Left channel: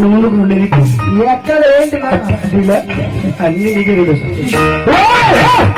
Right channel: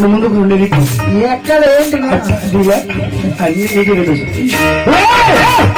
geri